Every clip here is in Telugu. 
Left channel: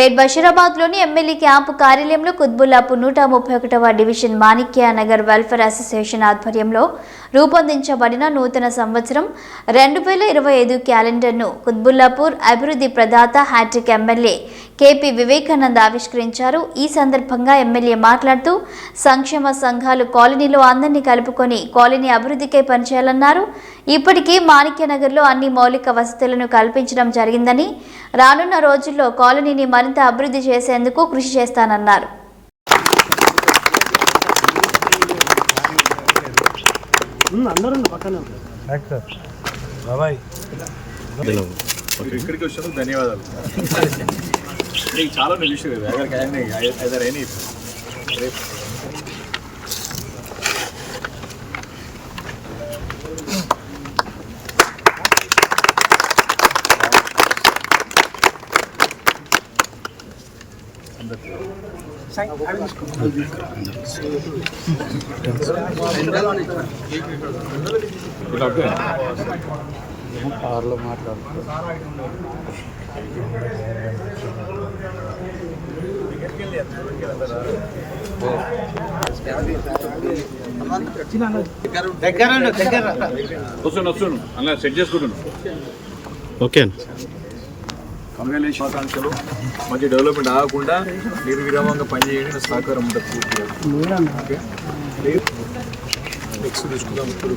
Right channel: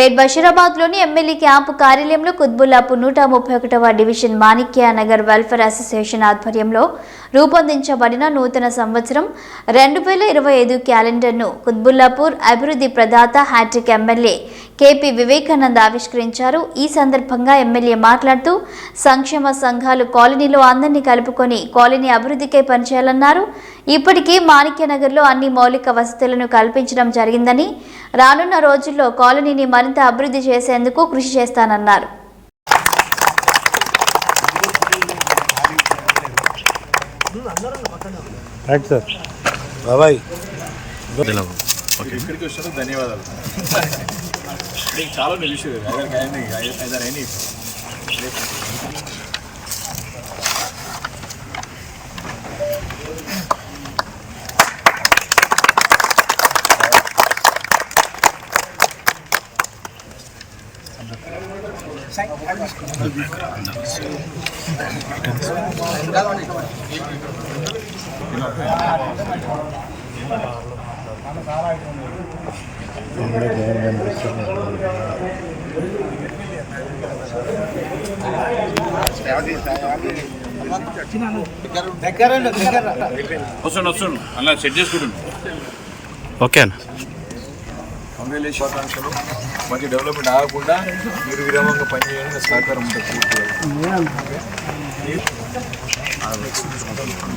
పేట్ బషీరాబాద్లోని ఎమ్మెల్యే క్యాంపు కార్యాలయంలో కుత్బుల్లాపూర్ నూట ముప్పై ఒకటవ division Manikya Nagar welfare association ఆధ్వర్యంలో రూపొందించబడిన నూతన సంవత్సరం రెండు వేల ఇరవై ఐదు క్యాలెండర్ను కుత్బుల్లాపూర్ అభివృద్ధి ప్రదాత హ్యాట్రిక్ ఎమ్మెల్యే కేపీ వివేకానంద్ ఆవిష్కరించారు. ఈ సందర్భంగా ఎమ్మెల్యే మాట్లాడుతూ సంక్షేమ సంఘాలు కాలనీలో అందరినీ కలుపుకొని కాలనీ అభివృద్ధికై పనిచేయాలన్నారు. ఇప్పటికీ మాణిక్యనగర్లో అన్ని మౌలిక వసతులను కల్పించడం జరిగిందని రానున్న రోజుల్లో కాలనీని మరింత అభివృద్ధి చేసేందుకు కృషి చేస్తానన్నారు. రైట్ సార్ బాబాయ్. ఇక్కడికి వచ్చినందుకు ధన్యవాదాలు. నీకు చాలా తెలుసు రేపు వస్తుండు వస్తుండు. అలా సెట్ చేసుకుంటున్నాను ఓకే అన్న కంపెనీ మంచి డెవలప్మెంట్ ఆగకుండా మీరు విరామంగా పనిచేయండి నా సహకారం ఉంటుంది పూర్తిగా ఓకే? నెక్స్ట్ తీసుకుందాం ఇప్పుడు.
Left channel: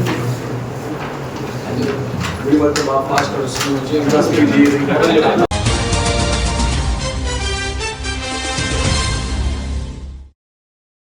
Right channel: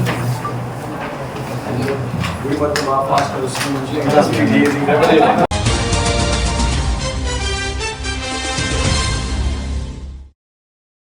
we went from our pastor's to James. That's pretty easy.